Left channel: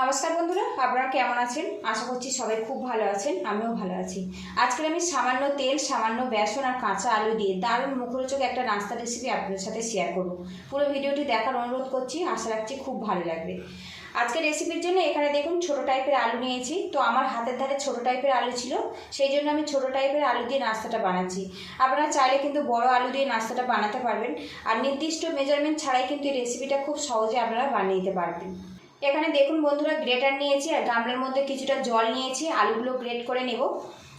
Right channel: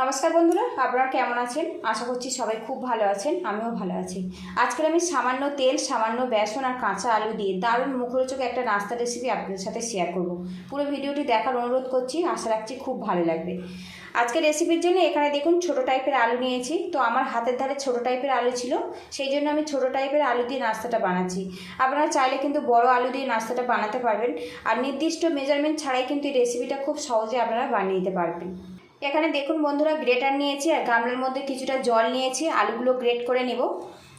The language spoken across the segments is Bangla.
নমস্কার বন্ধুরা, আপনারা কেমন আছেন? আশা করছি সবাই খুব ভালো আছেন, আমিও ভালো আছি। আজকে আমি সামান্য তেল, সামান্য বেসন আর কাঁচা আলু দিয়ে দারুণ মুখরোচক একটা নাস্তা রেসিপি আপনাদের সাথে শেয়ার করব। পুরো ভিডিওটি দেখার অনুরোধ করছি, আশা রাখছি খুব ভালো লাগবে। আজকে রেসিপির জন্য এখানে দেখুন, ছোট টাইপের আলু নিয়েছি। তো আমার হাতের ধারে ছোট টাইপের আলু ছিল, সেই জন্য আমি ছোট টাইপের আলু দিয়ে নাস্তাটা বানাচ্ছি। আপনারা চাইলে কিন্তু বড় আলু দিয়ে নাস্তাটা বানাতে পারবেন। আর নির্দিষ্ট মেজারমেন্ট ছাড়াই কিন্তু এই রেসিপিটা খুব সহজে আপনারা বানিয়ে নিতে পারবেন। এখানে দেখুন বন্ধুরা, গ্রেটার নিয়েছি আর গামলার মধ্যে কিছুটা জল নিয়েছি, আলুগুলো গ্রেট করে নেব।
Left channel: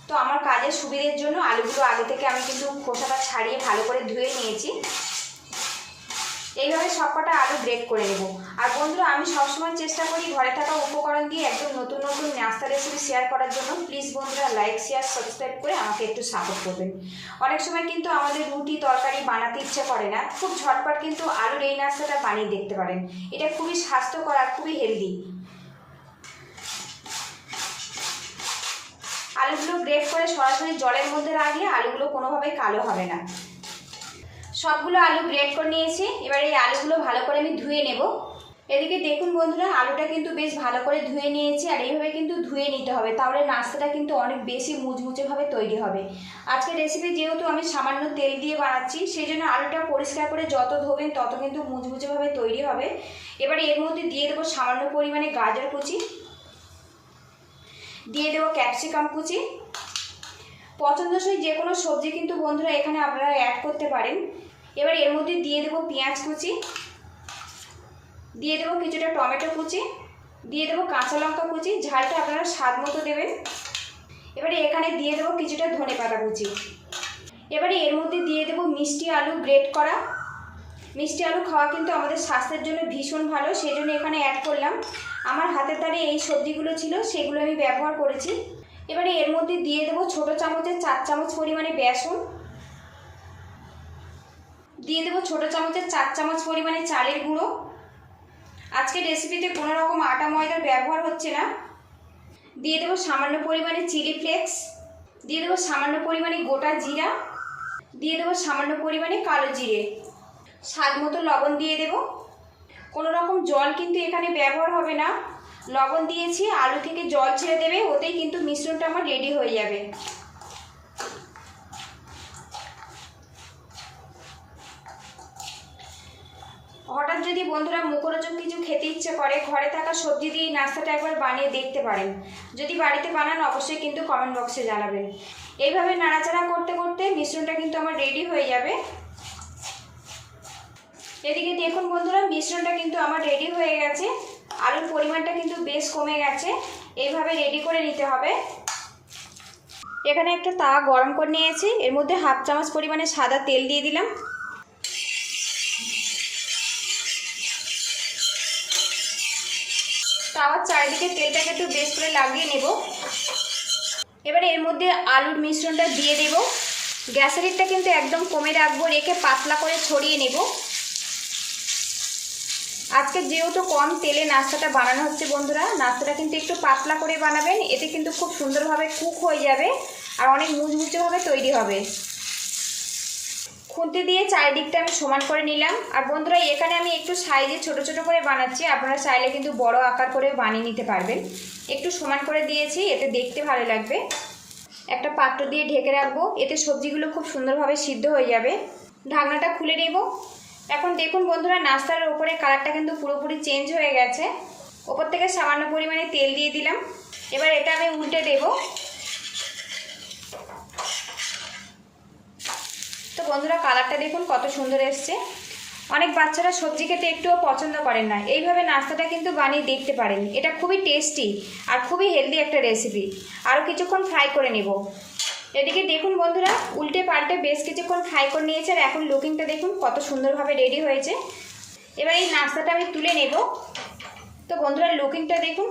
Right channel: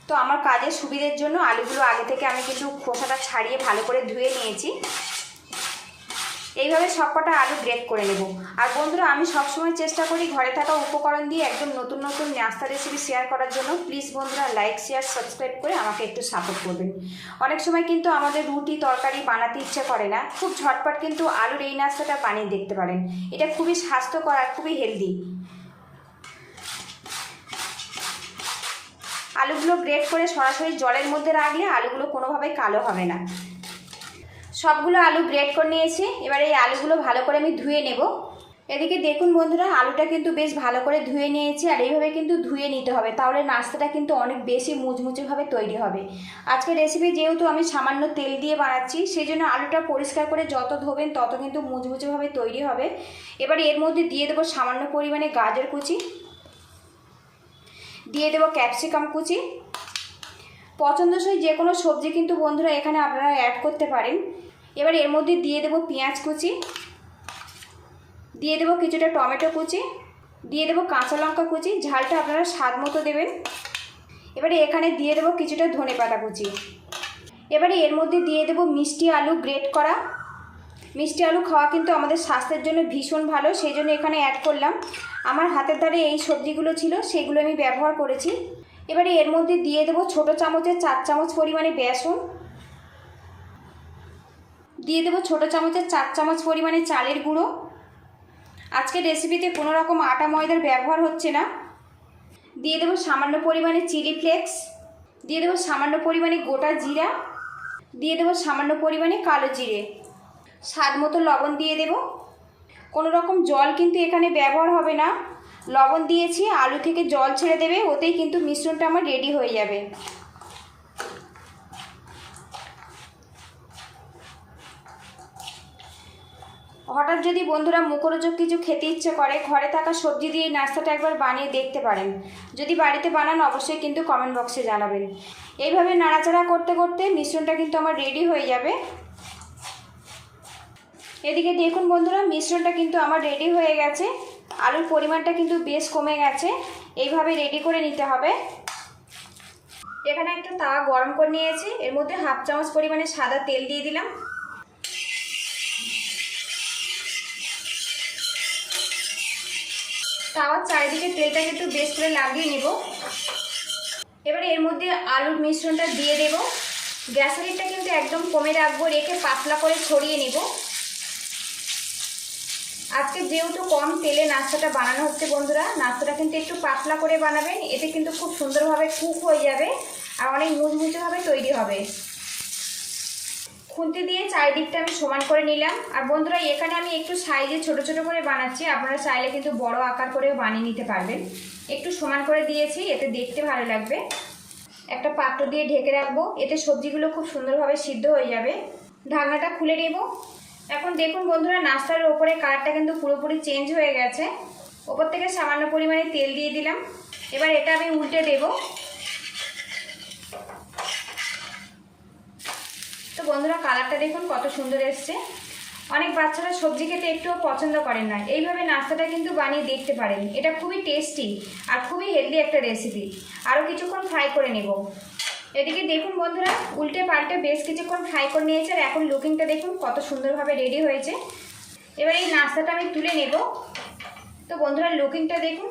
তো আমার কাজের সুবিধের জন্য আলুগুলো আগে থেকে আমি কিন্তু খোসাটা ছাড়িয়ে ভালো করে ধুয়ে নিয়েছি। এইভাবে সবকটা আলু গ্রেট করে নেব। আর বন্ধুরা, আমি সবসময় চেষ্টা করি ঘরে থাকা উপকরণ দিয়ে একদম নতুন নতুন নাস্তা রেসিপি শেয়ার করার জন্য। প্লিজ বন্ধুরা লাইক শেয়ার সাবস্ক্রাইব করে আমাকে একটু সাপোর্ট করবেন। অনেক সময় কিন্তু আমাদের রুটি, তরকারি বানাতে ইচ্ছে করে না। খুব ঝটপট কিন্তু আলুর এই নাস্তাটা বানিয়ে দেখতে পারেন। এটা খুবই স্বাস্থ্যকর আর খুবই হেলদি আলুগুলো গ্রেট করে সরাসরি জলের মধ্যে রাখলে আলুগুলো কোনোভাবেই কালো হবে না। সবগুলো আলু গ্রেট করে নিয়েছি। এবার এই আলুগুলো ভালো করে আমি ধুয়ে নেব। এদিকে দেখুন বন্ধুরা, আলুটা কিন্তু বেশ ভালো করে ধুয়ে নিয়েছি, আর এইভাবে কিন্তু ধুয়ে নিতে হবে। তাহলে নাস্তাটা কিন্তু অনেক বেশি মুচমুচেভাবে তৈরি হবে। আজকে রেসিপি যেহেতু আমি সামান্য তেল দিয়ে বানাচ্ছি সেই জন্য আলুটা পরিষ্কার করে যত ধোবেন তত কিন্তু মুচমুচেভাবে তৈরি হবে। এবার এর মধ্যে দিয়ে দেবো সামান্য পরিমাণে গাজর কুচি, দিয়ে দেবো ক্যাপসিকাম কুচি পছন্দসই যে কোনো সবজি কিন্তু বন্ধুরা এখানে আপনারা অ্যাড করতে পারেন। এবার এর মধ্যে দিয়ে দেবো পেঁয়াজ কুচি, দিয়ে দেবো কিছুটা টমেটো কুচি, দিয়ে দেবো কাঁচা লঙ্কা কুচি, ঝালটা আপনারা স্বাদ মতো দেবেন। এবারে এখানে দিয়ে দেবো কিছুটা ধনে পাতা কুচি। এবারে এর মধ্যে দিয়ে দেবো মিষ্টি আলু গ্রেট করা। মিষ্টি আলু খাওয়া কিন্তু আমাদের স্বাস্থ্যের জন্য ভীষণ ভালো, সেই জন্য এখানে অ্যাড করলাম। আমার হাতের দ্বারে এই সবজিগুলো ছিল, সেগুলো আমি ব্যবহার করেছি। এবারে এর মধ্যে দিয়ে দেবো ছোটো চামচের চার চামচ পরিমাণে বেসন। দিয়ে দেবো ছোটো চামচের চার চামচ পরিমাণে চালের গুঁড়ো। আজকে রেসিপিতে কোনো রকম আটা ময়দার ব্যবহার হচ্ছে না। দিয়ে দেবো সামান্য পরিমাণে চিলি ফ্লেক্স। দিয়ে দেবো সামান্য পরিমাণে গোটা জিরা। দিয়ে দেবো সামান্য পরিমাণে কালো জিরে। স্বাদ মতো লবণ দিয়ে দেব। কোনো রকম জল কিন্তু এখানে ব্যবহার হবে না। লবণ দিয়েছি, আলু থেকে জল ছেড়ে দেবে, ওতেই কিন্তু মিশ্রণটা আমার রেডি হয়ে যাবে। হঠাৎ যদি বন্ধুরা মুখরোচক কিছু খেতে ইচ্ছে করে, ঘরে থাকা সবজি দিয়ে এই নাস্তাটা একবার বানিয়ে দেখতে পারেন। যদি বাড়িতে বানান, অবশ্যই কিন্তু কমেন্ট বক্সে জানাবেন। এইভাবে নাড়াচাড়া করতে করতে মিশ্রণটা কিন্তু আমার রেডি হয়ে যাবে। এদিকে দেখুন বন্ধুরা, মিশ্রণটা কিন্তু আমার রেডি হয়ে গেছে। আলুর পরিমাণটা কিন্তু বেশ কমে গেছে। এইভাবে রেডি করে নিতে হবে। এখানে একটা তাওয়া গরম করে নিয়েছি। এর মধ্যে হাফ চামচ পরিমাণে সাদা তেল দিয়ে দিলাম। তাওয়ার চারিদিকে তেলটাকে একটু বেশ করে লাগিয়ে নেব। এবারে এর মধ্যে আলুর মিশ্রণটা দিয়ে দেব। গ্যাসের হিটটা কিন্তু একদম কমে রাখব, রেখে পাতলা করে ছড়িয়ে নেব। আজকে যেহেতু কম তেলে নাস্তাটা বানানো হচ্ছে বন্ধুরা, নাস্তাটা কিন্তু একটু পাতলা করে বানাবেন, এতে কিন্তু খুব সুন্দরভাবে কুক হয়ে যাবে আর অনেক মুচমুচেভাবে তৈরি হবে। খুন্তি দিয়ে চারিদিকটা আমি সমান করে নিলাম। আর বন্ধুরা, এখানে আমি একটু সাইজে ছোট ছোট করে বানাচ্ছি, আপনারা চাইলে কিন্তু বড় আকার করেও বানিয়ে নিতে পারবেন। একটু সমান করে দিয়েছি, এতে দেখতে ভালো লাগবে। একটা পাত্র দিয়ে ঢেকে রাখব, এতে সবজিগুলো খুব সুন্দরভাবে সিদ্ধ হয়ে যাবে। ঢাকনাটা খুলে নেব। এখন দেখুন বন্ধুরা, নাস্তার ওপরে কালারটা কিন্তু পুরোপুরি চেঞ্জ হয়ে গেছে। ওপর থেকে সামান্য পরিমাণে তেল দিয়ে দিলাম। এবার এটা আমি উল্টে দেব। তো বন্ধুরা, কালারটা দেখুন কত সুন্দর এসছে। অনেক বাচ্চারা সবজি খেতে একটুও পছন্দ করেন না। এইভাবে নাস্তাটা কিন্তু বানিয়ে দেখতে পারেন। এটা খুবই টেস্টি আর খুবই হেলদি একটা রেসিপি আরও কিছুক্ষণ ফ্রাই করে নেব। এদিকে দেখুন বন্ধুরা, উল্টে পাল্টে বেশ কিছুক্ষণ ফ্রাই করে নিয়েছে আর এখন লুকিংটা দেখুন কত সুন্দরভাবে রেডি হয়েছে। এবার এই নাস্তাটা আমি তুলে নেব। তো বন্ধুরা লুকিংটা দেখুন,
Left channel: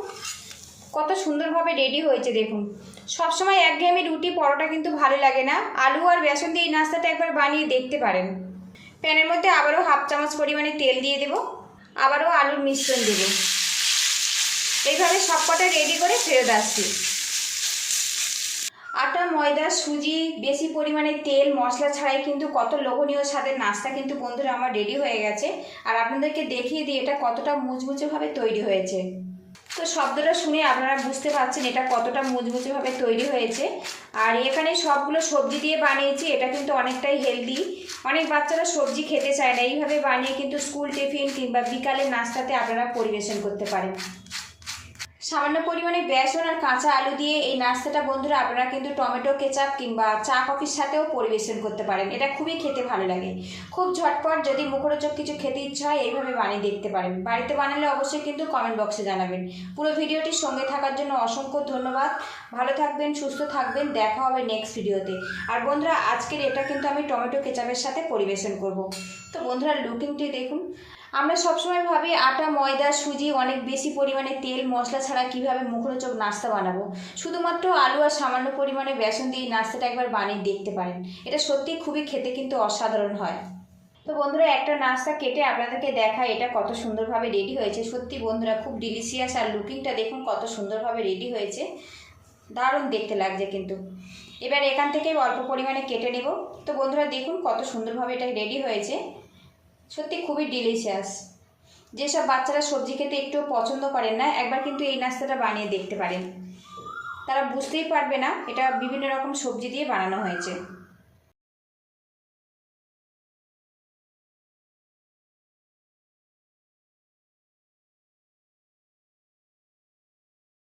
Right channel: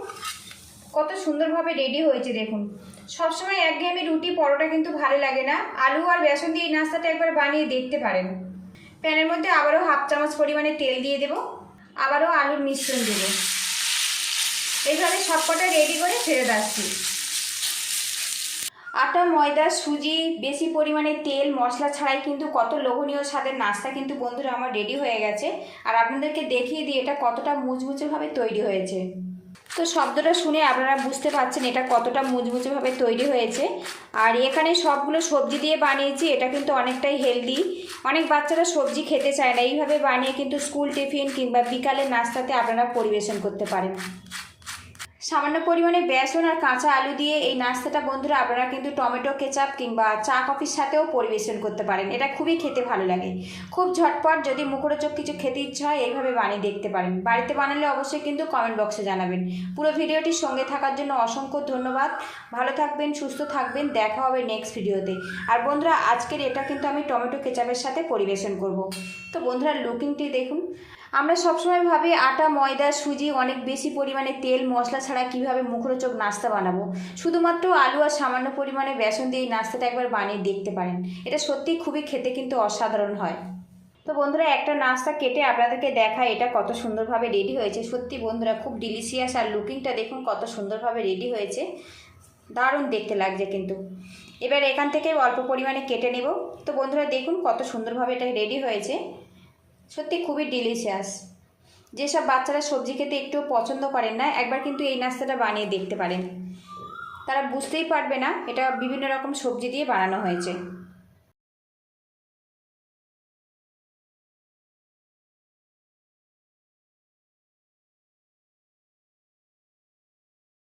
কত সুন্দরভাবে রেডি হয়েছে দেখুন। সবসময় একঘেয়েমি রুটি, পরোটা কিন্তু ভালো লাগে না। আলু আর বেসন দিয়ে এই নাস্তাটা একবার বানিয়ে দেখতে পারেন। প্যানের মধ্যে আবারও হাফ চামচ পরিমাণে তেল দিয়ে দেব। আবারও আলুর মিশ্রণ দেবে। এইভাবে সবকটা রেডি করে ফেরত আসছি। আটা, ময়দা, সুজি, বেশি পরিমাণে তেল, মশলা ছাড়াই কিন্তু কত লোভনীয় স্বাদের নাস্তা কিন্তু বন্ধুরা আমার রেডি হয়ে গেছে। আর আপনাদেরকে দেখিয়ে দিই এটা কতটা মুচমুচেভাবে তৈরি হয়েছে। তো শব্দটা শুনে আপনারা বুঝতে পারছেন এটা কতটা মুচমুচেভাবে তৈরি হয়েছে। আর এখানে সবগুলো সবজি দিয়ে বানিয়েছি, এটা কিন্তু অনেকটাই হেলদি অনেক বাচ্চারা সবজি খেতে চায় না, এইভাবে বানিয়ে কিন্তু স্কুল টিফিন কিংবা বিকালের নাস্তাতে আপনারা পরিবেশন করতে পারেন। সামান্য পরিমাণে বেসন আর কাঁচা আলু দিয়ে এই নাস্তাটা বন্ধুরা আপনারা কিন্তু টমেটো, কেচাপ কিংবা চা, কফির সাথেও পরিবেশন করতে পারেন। এটা খুবই খেতে ভালো লাগে। খুব ঝটপট যদি মুখরোচক কিছু খেতে ইচ্ছা হয়, এইভাবে বানিয়ে দেখতে পারেন। বাড়িতে বানালে অবশ্যই কিন্তু কমেন্ট বক্সে জানাবেন। পুরো ভিডিওটির সঙ্গে থাকার জন্য অসংখ্য ধন্যবাদ। ভালো থাকবেন, সুস্থ থাকবেন। দেখা হবে নেক্সট ভিডিওতে। আর বন্ধুরা, আজকের এটা কিন্তু আমি টমেটো, কেচাপের সাথে পরিবেশন করব। তো বন্ধুরা লুকিংটি দেখুন। আমরা সবসময় ভাবি আটা, ময়দা, সুজি, অনেক বেশি পরিমাণে তেল, মশলা ছাড়া কীভাবে মুখরোচক নাস্তা বানাবো? শুধুমাত্র আলু আর সামান্য পরিমাণে বেসন দিয়ে নাস্তাটা একবার বানিয়ে দেখতে পারেন। এটা সত্যি খুবই খেতে কিন্তু অসাধারণ হয়। তো বন্ধুরা, একটা নাস্তা কেটে আপনাদেরকে দেখায় এটা কত সুন্দরভাবে রেডি হয়েছে। সত্যি বন্ধুরা, খুব ডিলিশিয়াস আর লুকিংটা দেখুন কত সুন্দরভাবে রেডি হয়েছে। দারুণ দেখতে লাগছে কিন্তু। এবার এখান থেকে অল্প পরিমাণে কেটে নেব। তো বন্ধুরা, দেখুন কত সুন্দরভাবে এটা রেডি হয়েছে। সত্যি খুবই ডিলিশিয়াস যেসব বাচ্চারা সবজি খেতে একটু পছন্দ করেন না, একবার কিন্তু এই নাস্তাটা বানিয়ে দেখতে পারেন। তারা বুঝতেই পারবে না, এটা বিভিন্ন রকম সবজি দিয়ে বানানো হয়েছে।